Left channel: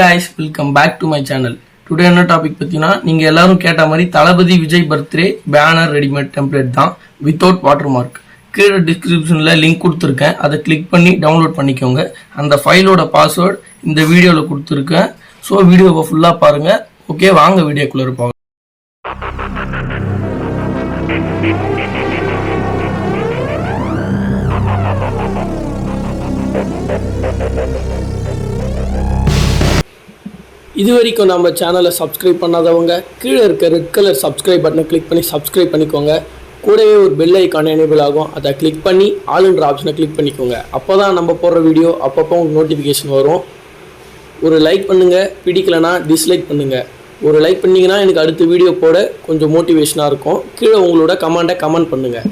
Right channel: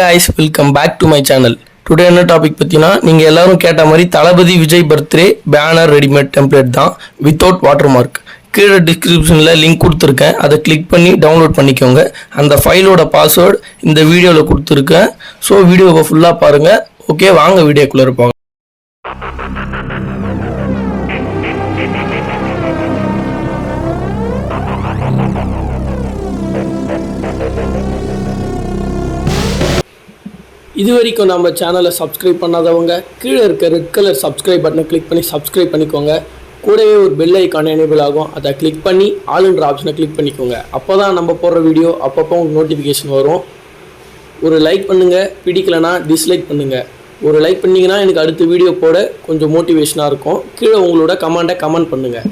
Guys, welcome back to my channel. Today என்ன topic பத்தினா நீங்க எல்லாரும் கேட்ட மாதிரி Thalapathy Vijay birthday banner readymade template தான் வித்தவுட் வாட்டர் மார்க். கீழே டிஸ்கிரிப்ஷன்ல லிங்க் கொடுத்துருக்கேன், அதை கிளிக் பண்ணி டவுன்லோட் பண்ணிக்கோங்க. அந்த ஃபைலோட பாஸ்வேர்டு இந்த வீடியோவில் கொடுத்துருக்கேன். ஸோ வீடியோவை ஃபுல்லாக பாருங்க. ஓகே, வாங்க வீடியோக்குள்ளே இருப்பாங்க. இதுவரைக்கும் நம்ம சேனலை சப்ஸ்கிரைப் பண்ணாதவங்க கீழே இருக்க ரெட் கலர் சப்ஸ்கிரைப் பட்டனை கிளிக் பண்ணி சப்ஸ்கிரைப் பண்ணிக்கோங்க. கூடவே ஒரு பெல் ஐக்கான் எனேபிள் ஆகும், அதை கிளிக் பண்ணி ஆல்ன்ற ஆப்ஷனை கிளிக் பண்ணிக்கோங்க. அப்போ தான் நம்ம போடுற வீடியோ அப்பப்போ உங்களுக்கு நோட்டிஃபிகேஷன் வரும். ஒரு லைக் பண்ணுங்கள், பிடிக்கலைன்னா டிஸ்லைக் பண்ணுங்கள். ஒரு லைக் பண்ணிங்கன்னா எனக்கு அடுத்த வீடியோ போட கொஞ்சம் மோட்டிவேஷனாக இருக்கும். கீழே உங்களோட கமெண்ட்டை கமெண்ட் பண்ணுங்கள்.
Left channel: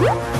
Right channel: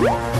What?